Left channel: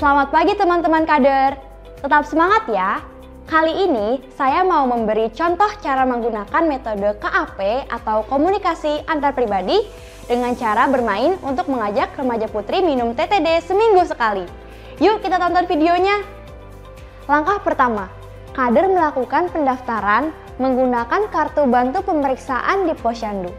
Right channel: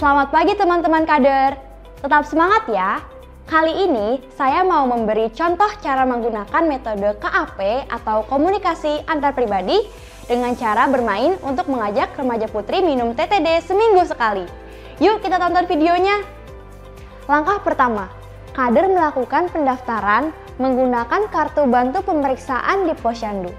Selamat pagi teman-teman kader. Tetap semangat ya. Kali ini saya mau memberi contoh cara menggunakan metode KAP atau komunikasi antar pribadi dengan cara bermain untuk mengajak remaja putri minum TTD seminggu sekali. Yuk kita tonton videonya. Langkah pertama, kader melakukan pendaftaran menggunakan kartu bantu pemeriksaan di Posyandu.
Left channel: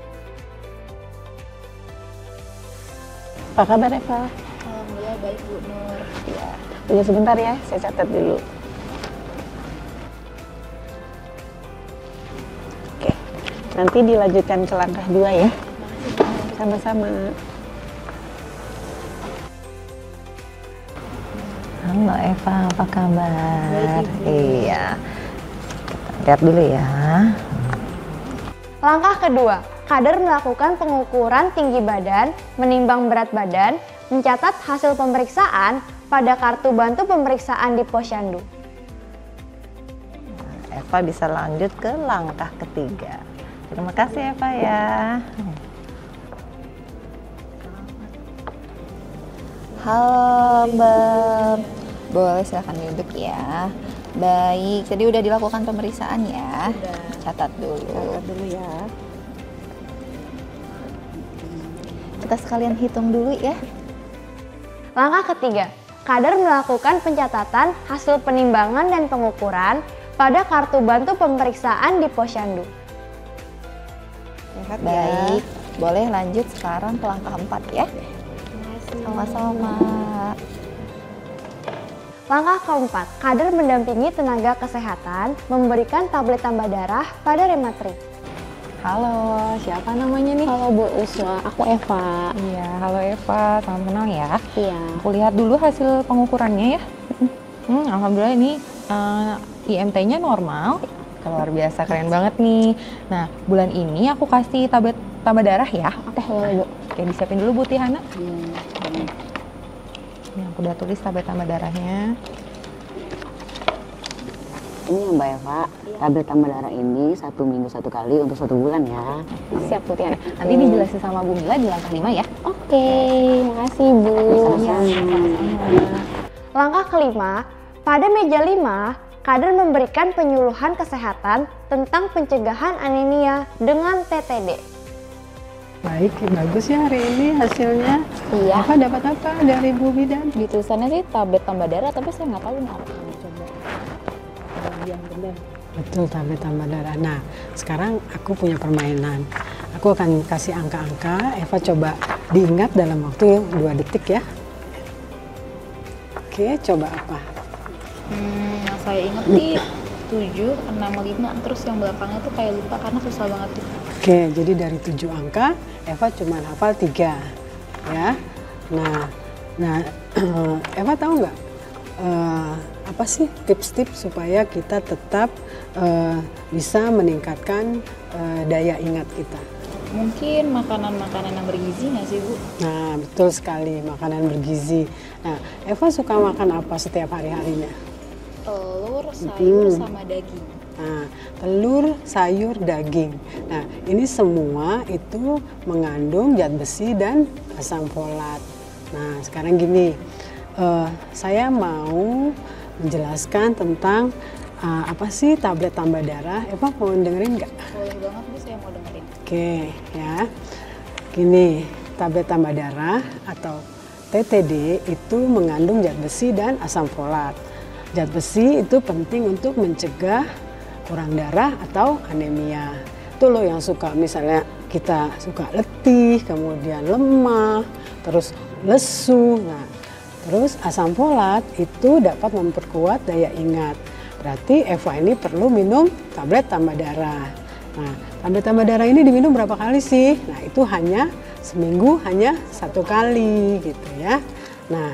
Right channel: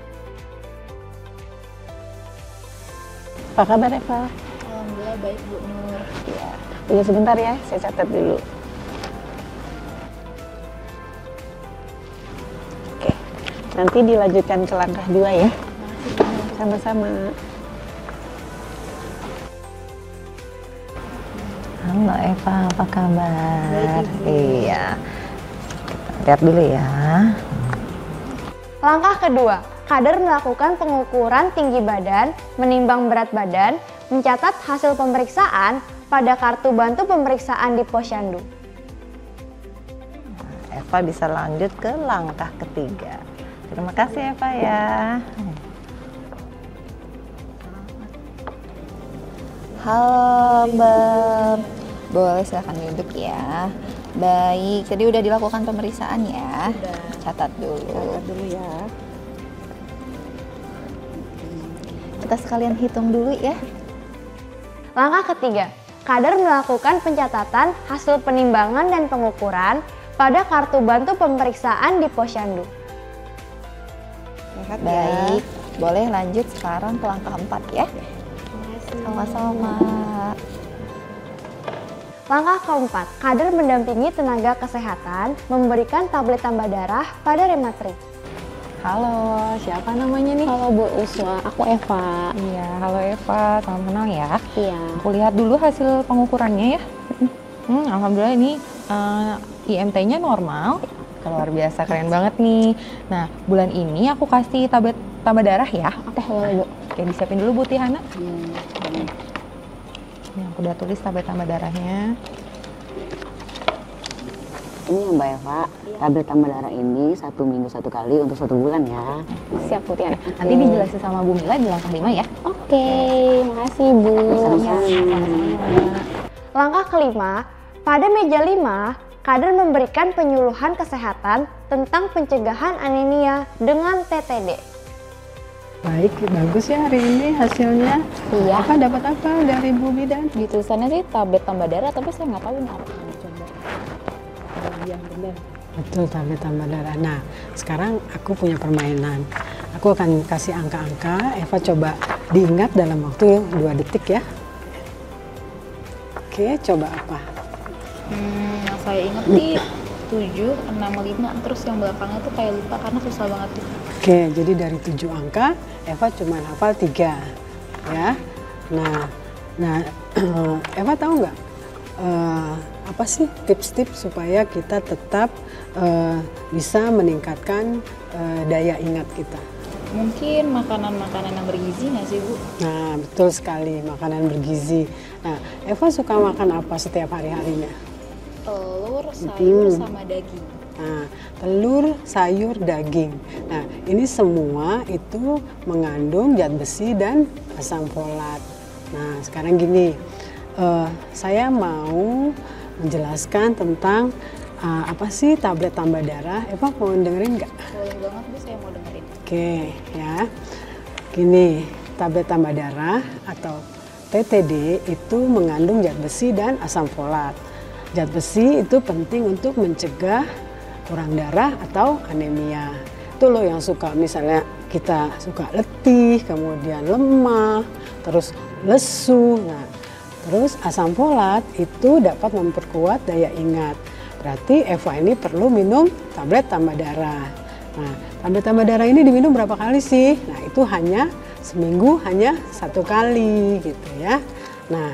Langkah kedua, kader melakukan pengukuran tinggi badan, menimbang berat badan, mencatat hasil pemeriksaan pada kartu bantu pemeriksaan di Posyandu. Halo Mbak, boleh silahkan duduk ya. Baik, jadi udah dilakukan pemeriksaan ya? Udah. Catat dulu. Catat dulu ya. Kita sekalian hitung dulu ya. Langkah ketiga, kader melakukan pencatatan hasil penimbangan dan pengukuran pada kartu bantu pemeriksaan di Posyandu. Sehat Baik, ya. boleh lanjut sekarang ke langkah 4 ya. Sama-sama. Langkah keempat, kader mendampingi tenaga kesehatan memberikan tablet tambah darah pada rematri. Ini ya Mbak Eva, tablet tambah darah ini 1 minggu 1 kali untuk 1 bulan ya. Oke. Sama Bu Mila di lantai 5 ya. Oke, makasih Bu. Sama-sama. Langkah kelima, pada meja 5, kader memberikan penyuluhan kesehatan tentang pencegahan anemia dengan TTD. Baik, bagus ya ini hasilnya. Iya, Dapat apa dari Bu Mila? di tulisannya sih tablet tambah darah, tapi saya nggak tahu ini apa. Coba. Yang benar. Betul, tablet tambah darah. Nah, sekarang aku punya permainan. Aku akan kasih angka-angka, Eva coba diingat dalam waktu 2 detik ya. Oke, coba apa? Yang saya inget sih 7, 6, 5, terus yang belakangnya tuh kayak lupa karena susah banget tuh. Oke, jadi dari 7 angka, Eva cuma hafal 3. Ya. Nah, Eva tahu nggak apa sih tips-tips supaya kita tetap bisa meningkatkan daya ingat kita? Mungkin makanan-makanan yang bergizi nggak sih Bu? Nah, betul sekali, makanan bergizi. Nah, Eva suka makan apa setiap hari-harinya? Telur, sayur, sama daging. Nah, telur, sayur, daging. Nah, ini semua itu mengandung zat besi dan asam folat. Nah, sekarang gini, saya mau menjelaskan tentang apa sih tablet tambah darah. Eva mau dengerin nggak? Boleh banget Bu, saya mau dengerin. Oke, ya. Gini, tablet tambah darah atau TTD itu mengandung zat besi dan asam folat. Zat besi itu penting untuk mencegah kurang darah atau anemia. Itu loh yang suka, misalnya kita suka letih, kemudian lemah, terus lesu. Nah, terus asam folat itu dapat memperkuat daya ingat. Berarti Eva ini perlu minum tablet tambah darah. Nah, tablet tambah darah ini diminum berapa kali sih? Nah, itu hanya seminggu hanya 1 kali gitu ya. Nah,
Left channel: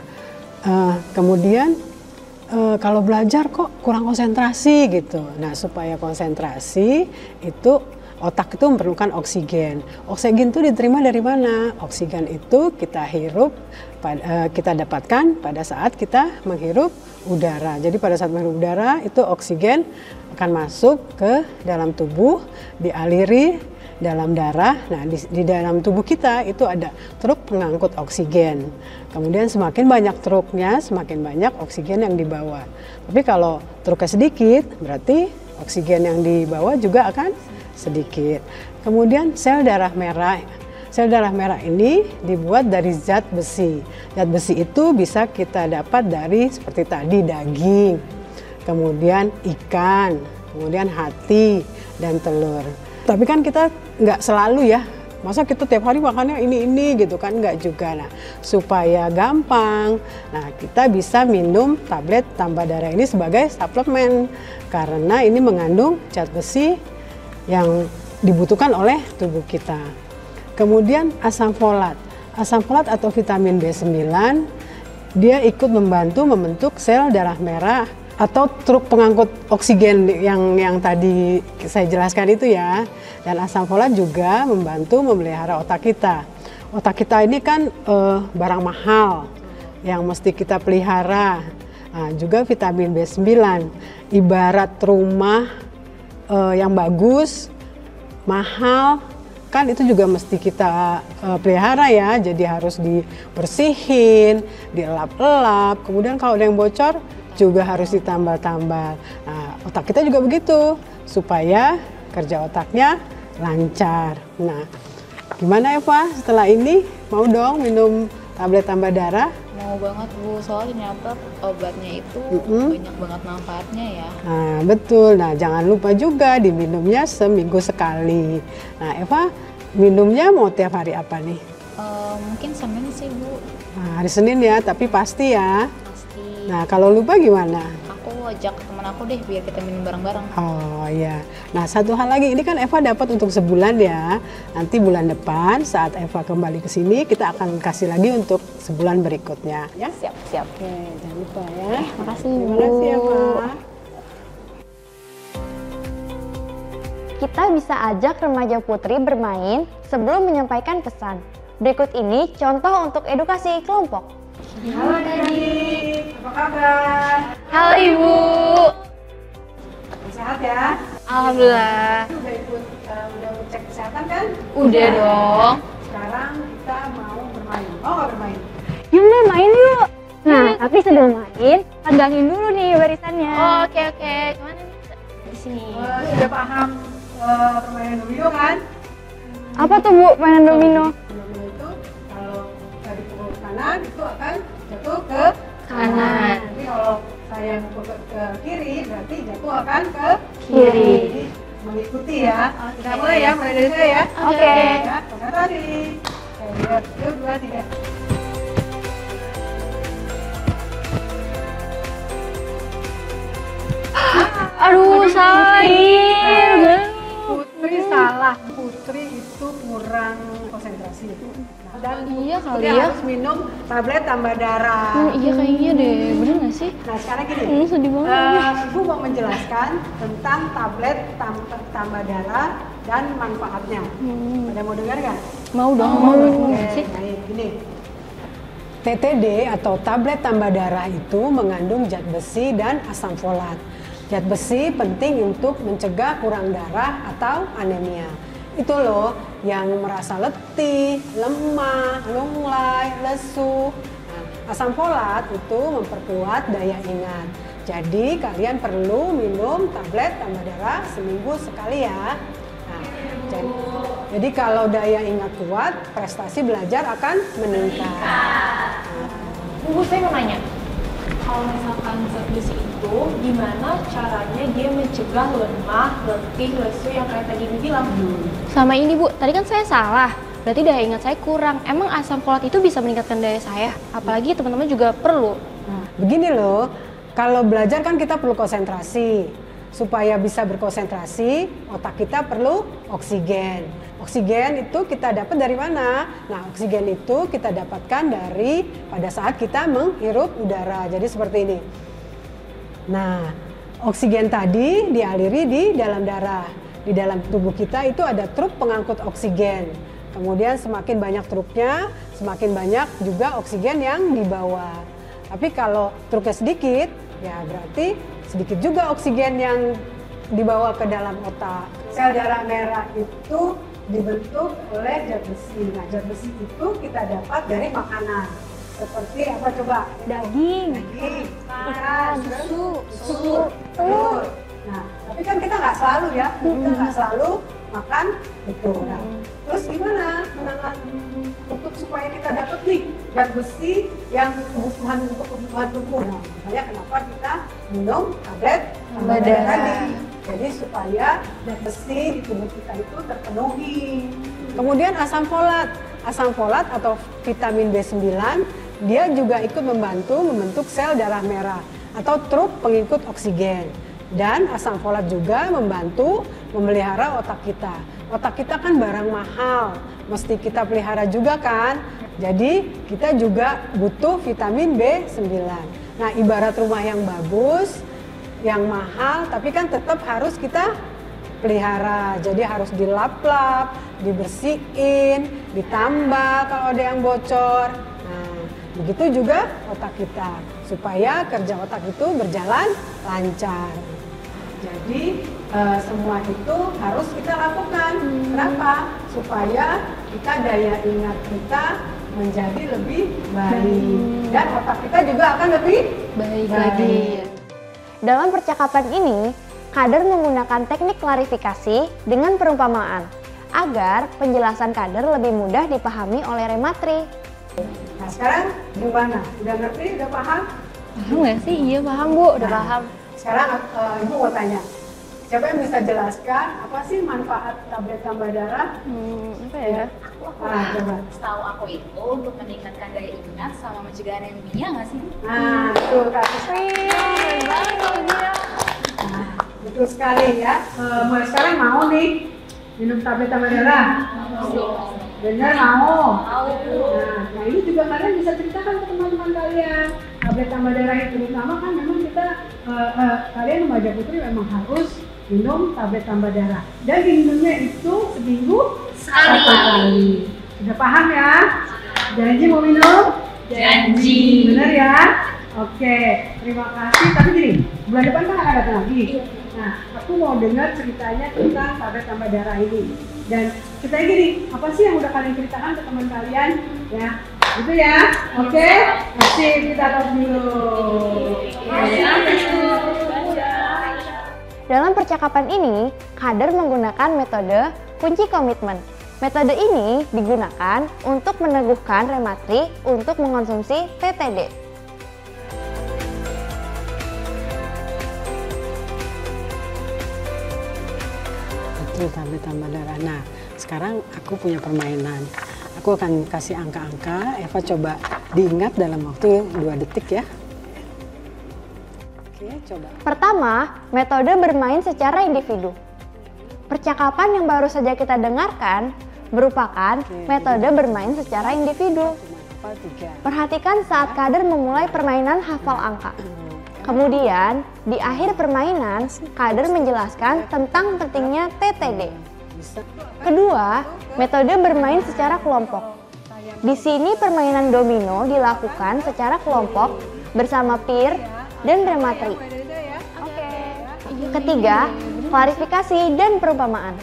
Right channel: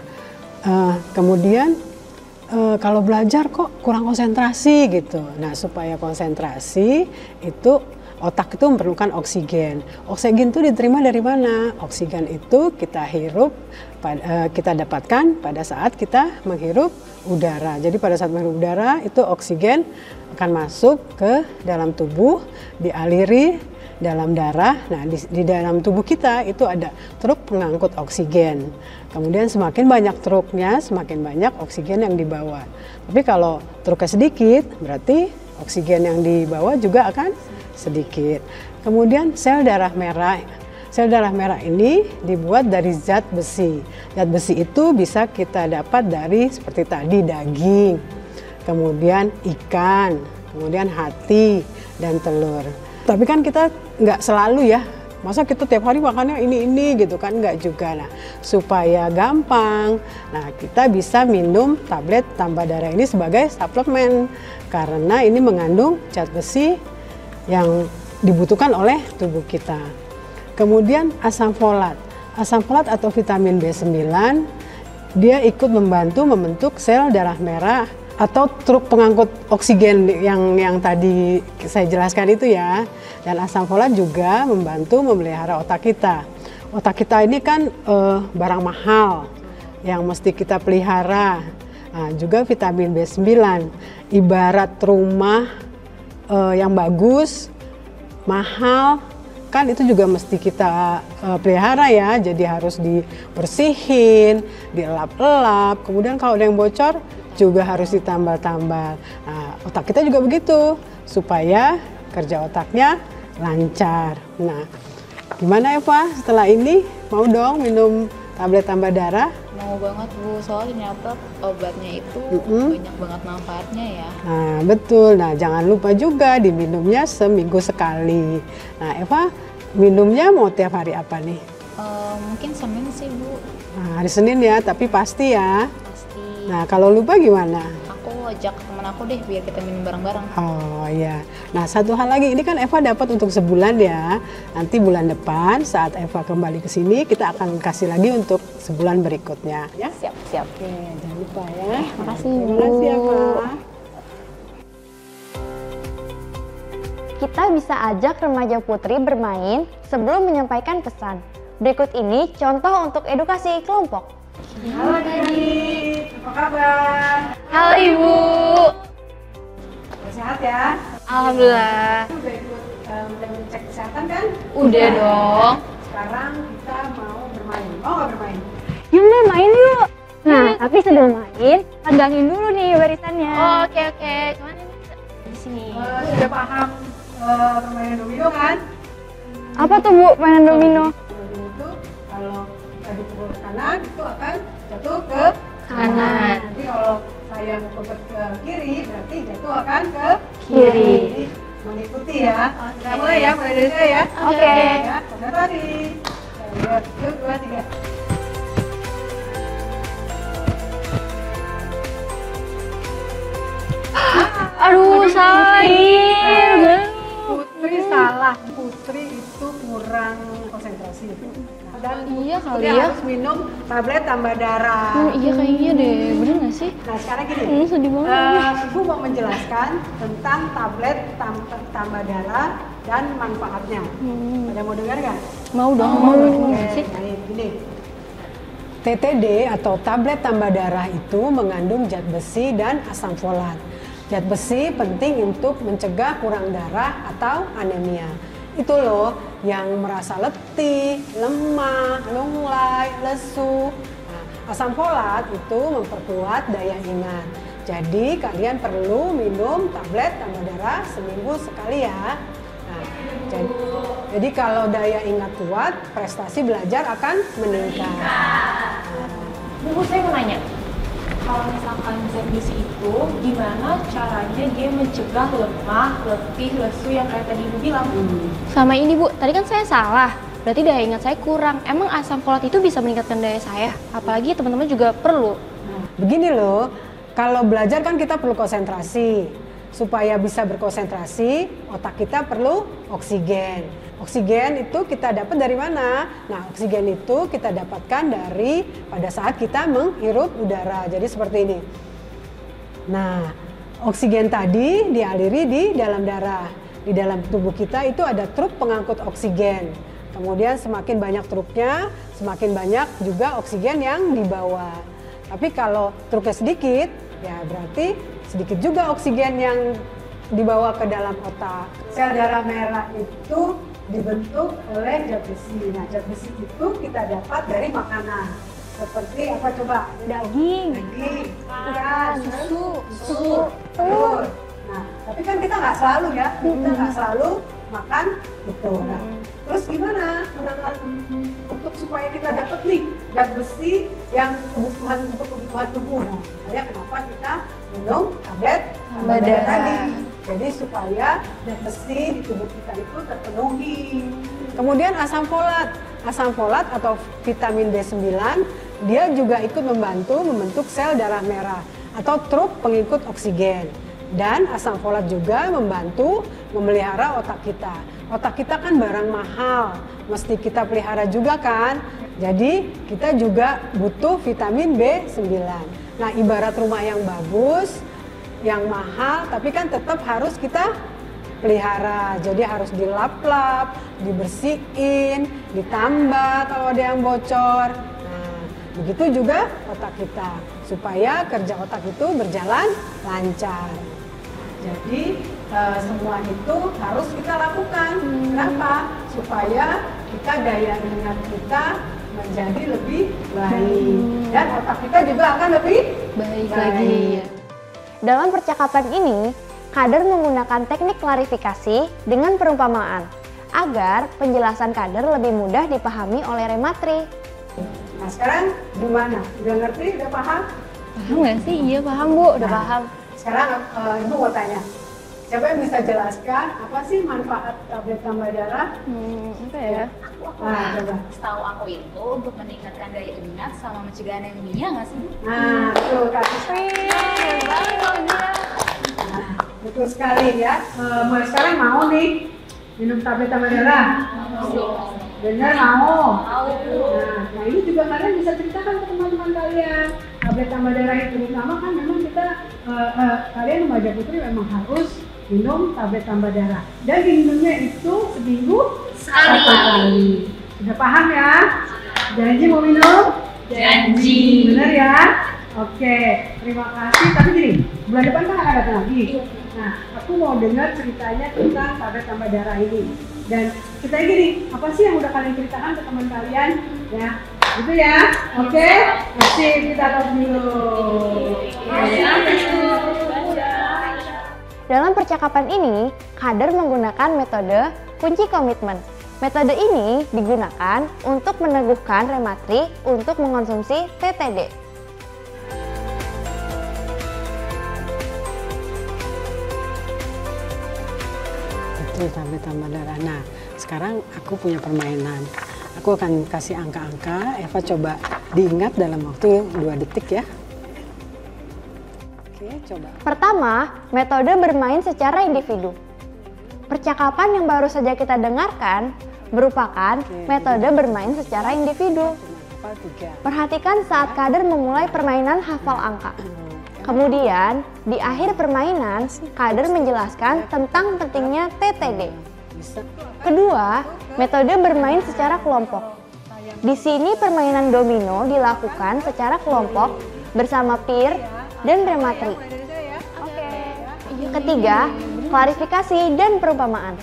kemudian kalau belajar kok kurang konsentrasi gitu. Nah, supaya konsentrasi itu otak itu memerlukan oksigen. Oksigen itu diterima dari mana? Oksigen itu kita hirup, kita dapatkan pada saat kita menghirup udara. Jadi pada saat menghirup udara itu oksigen akan masuk ke dalam tubuh, dialiri dalam darah. Nah, di dalam tubuh kita itu ada truk pengangkut oksigen. Kemudian semakin banyak truknya, semakin banyak oksigen yang dibawa. Tapi kalau truknya sedikit, berarti oksigen yang dibawa juga akan sedikit. Kemudian sel darah merah. Sel darah merah ini dibuat dari zat besi. Zat besi itu bisa kita dapat dari seperti tadi daging, kemudian ikan, kemudian hati dan telur. Tapi kan kita nggak selalu ya, masa kita tiap hari makannya ini gitu kan, nggak juga. Nah, supaya gampang, nah kita bisa minum tablet tambah darah ini sebagai suplemen karena ini mengandung zat besi yang dibutuhkan oleh tubuh kita. Kemudian asam folat. Asam folat atau vitamin B9 dia ikut membantu membentuk sel darah merah atau truk pengangkut oksigen yang tadi saya jelaskan itu ya. Dan asam folat juga membantu memelihara otak kita. Otak kita ini kan barang mahal yang mesti kita pelihara. Nah, juga vitamin B9 ibarat rumah yang bagus, mahal, kan itu juga mesti kita pelihara ya, jadi harus dibersihin, dielap-elap, kemudian kalau ada yang bocor juga harus ditambal-tambal. Nah, otak kita juga begitu, supaya kerja otaknya lancar. Nah, gimana Eva setelah ini? Mau dong minum tablet tambah darah? Mau banget Bu, soalnya ternyata obatnya itu banyak banget manfaatnya ya. Nah, betul. Nah, jangan lupa juga diminumnya seminggu sekali. Nah, Eva minumnya mau tiap hari apa nih? Mungkin Senin sih Bu. Nah, hari Senin ya, tapi pasti ya. Pasti. Nah, kalau lupa gimana? Aku ajak teman aku deh biar kita minum bareng-bareng. Oh iya. Nah, satu hal lagi, ini kan Eva dapat untuk sebulan ya. Nanti bulan depan saat Eva kembali ke sini, kita akan kasih lagi untuk sebulan berikutnya. Ya? Siap. Jangan lupa ya. Makasih Terima kasih Eva. Kita bisa ajak remaja putri bermain sebelum menyampaikan pesan. Berikut ini contoh untuk edukasi kelompok. Halo adik-adik, apa kabar? Sehat ya? Udah ikut cek kesehatan kan? Udah. Sekarang kita mau bermain. Mau nggak bermain? Sudah paham namanya domino kan? Domino itu kalau tadi ke kanan itu akan jatuh ke kanan. Tapi kalau saya mukul ke kiri berarti jatuh akan ke kanan. Jadi mengikuti ya. Ya, berdiri ya. Oke. Ya, dan tadi. 1, 2, 3. TTD atau tablet tambah darah itu mengandung zat besi dan asam folat. Zat besi penting untuk mencegah kurang darah atau anemia. Itu loh yang merasa letih, lemah, lunglai, lesu. Asam folat itu memperkuat daya ingat. Jadi kalian perlu minum tablet tambah darah seminggu sekali ya. Jadi kalau daya ingat kuat, prestasi belajar akan meningkat. Bu, saya mau nanya, kalau misalkan zat besi itu gimana caranya dia mencegah lemah, letih, lesu yang kayak tadi Bu bilang? Selama ini Bu, tadi saya saraf, jadi daya saya kurang. Emang asam folat itu bisa meningkatkan daya saya? Apalagi teman-teman juga perlu. Nah, gini loh, kalau belajar kan kita perlu konsentrasi. Supaya bisa berkonsentrasi, otak kita perlu oksigen. Oksigen itu kita dapat dari mana? Nah, oksigen itu kita dapatkan dari pada saat kita menghirup udara. Jadi seperti ini. Nah, oksigen tadi dialiri di dalam darah. Di dalam tubuh kita itu ada truk pengangkut oksigen. Kemudian semakin banyak truknya, semakin banyak juga oksigen yang dibawa. Tapi kalau truknya sedikit, ya berarti sedikit juga oksigen yang dibawa ke dalam otak. Sel darah merah itu dibentuk oleh zat besi. Nah, zat besi itu kita dapat dari makanan. Seperti apa coba? Daging, ikan, susu, telur. Nah, tapi kan kita nggak selalu ya, kita nggak selalu makan itu. Nah, terus gimana menangani untuk supaya kita dapat nih zat besi yang kebutuhan untuk kebutuhan tubuh? Nah, misalnya kenapa kita minum tablet tambah darah tadi? Jadi supaya zat besi di tubuh kita itu terpenuhi. Kemudian asam folat atau vitamin B9 dia juga itu membantu membentuk sel darah merah atau truk pengikut oksigen. Dan asam folat juga membantu memelihara otak kita. Otak kita kan barang mahal, mesti kita pelihara juga kan. Jadi kita juga butuh vitamin B9. Nah, ibarat rumah yang bagus, yang mahal, tapi kan tetap harus kita pelihara. Jadi harus dilap-lap, dibersihin, ditambah kalau ada yang bocor. Nah, itu juga otak kita supaya kerja otak itu berjalan lancar. Jadi semua itu harus kita lakukan. Kenapa? Supaya kita daya ingat kita menjadi lebih baik dan otak kita juga akan lebih baik. Dalam percakapan ini, Kader menggunakan teknik klarifikasi dengan perumpamaan agar penjelasan Kader lebih mudah dipahami oleh rematri. Nah, sekarang gimana? Udah ngerti? Udah paham? Nah, sekarang Ibu mau tanya, siapa yang bisa jelaskan apa sih manfaat tablet tambah darah? Ya. Nah, coba. Setahu aku itu untuk meningkatkan daya ingat sama mencegah anemia nggak sih, Bu? Nah, betul sekali. Nah, betul sekali ya. Mulai sekarang mau nih minum tablet tambah darah? Benar mau? Nah, ini juga kalian bisa ceritakan ke teman-teman kalian. Tablet tambah darah itu terutama kan memang kita kalian remaja putri memang harus minum tablet tambah darah. Dan minumnya itu seminggu sekali. Sudah paham ya? Janji mau minum? Janji. Benar ya? Oke, terima kasih. Tapi gini, bulan depan kan akan datang lagi. Nah, aku mau dengar ceritanya tentang tablet tambah darah ini. Dan kita gini, apa sih yang udah kalian ceritakan ke teman kalian? Ya, gitu ya. Oke, masih kita tos dulu. Dalam percakapan ini, Kader menggunakan metode kunci komitmen. Metode ini digunakan untuk meneguhkan rematri untuk mengonsumsi TTD. Betul, tablet tambah darah. Nah, sekarang aku punya permainan. Aku akan kasih angka-angka. Eva coba diingat dalam waktu 2 detik ya. Oke, coba. Pertama, metode bermain secara individu. Percakapan yang baru saja kita dengarkan merupakan metode bermain secara individu. Cuma hafal 3. Perhatikan saat Kader memulai permainan hafal angka. Kemudian, di akhir permainan, Kader menjelaskan tentang pentingnya TTD. Kedua, metode bermain secara kelompok. Di sini permainan domino dilakukan secara kelompok bersama peer dan rematri. Ketiga, klarifikasi dan perumpamaan.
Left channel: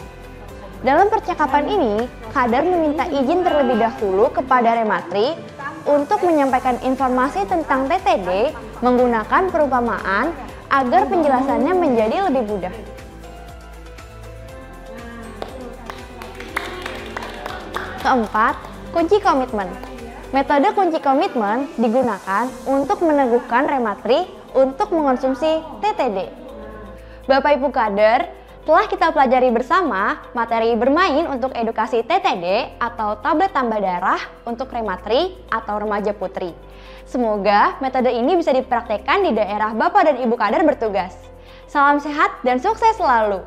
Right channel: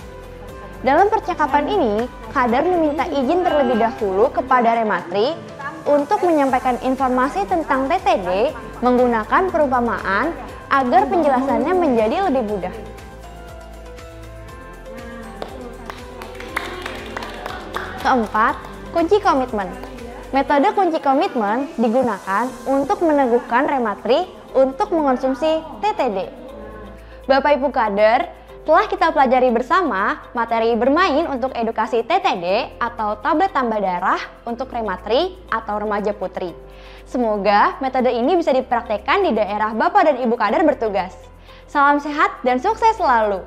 Dalam percakapan ini, Kader meminta izin terlebih dahulu kepada rematri untuk menyampaikan informasi tentang TTD menggunakan perumpamaan agar penjelasannya menjadi lebih mudah. Keempat, kunci komitmen. Metode kunci komitmen digunakan untuk meneguhkan rematri untuk mengonsumsi TTD. Bapak Ibu Kader, telah kita pelajari bersama materi bermain untuk edukasi TTD atau tablet tambah darah untuk rematri atau remaja putri. Semoga metode ini bisa dipraktekkan di daerah Bapak dan Ibu Kader bertugas. Salam sehat dan sukses selalu!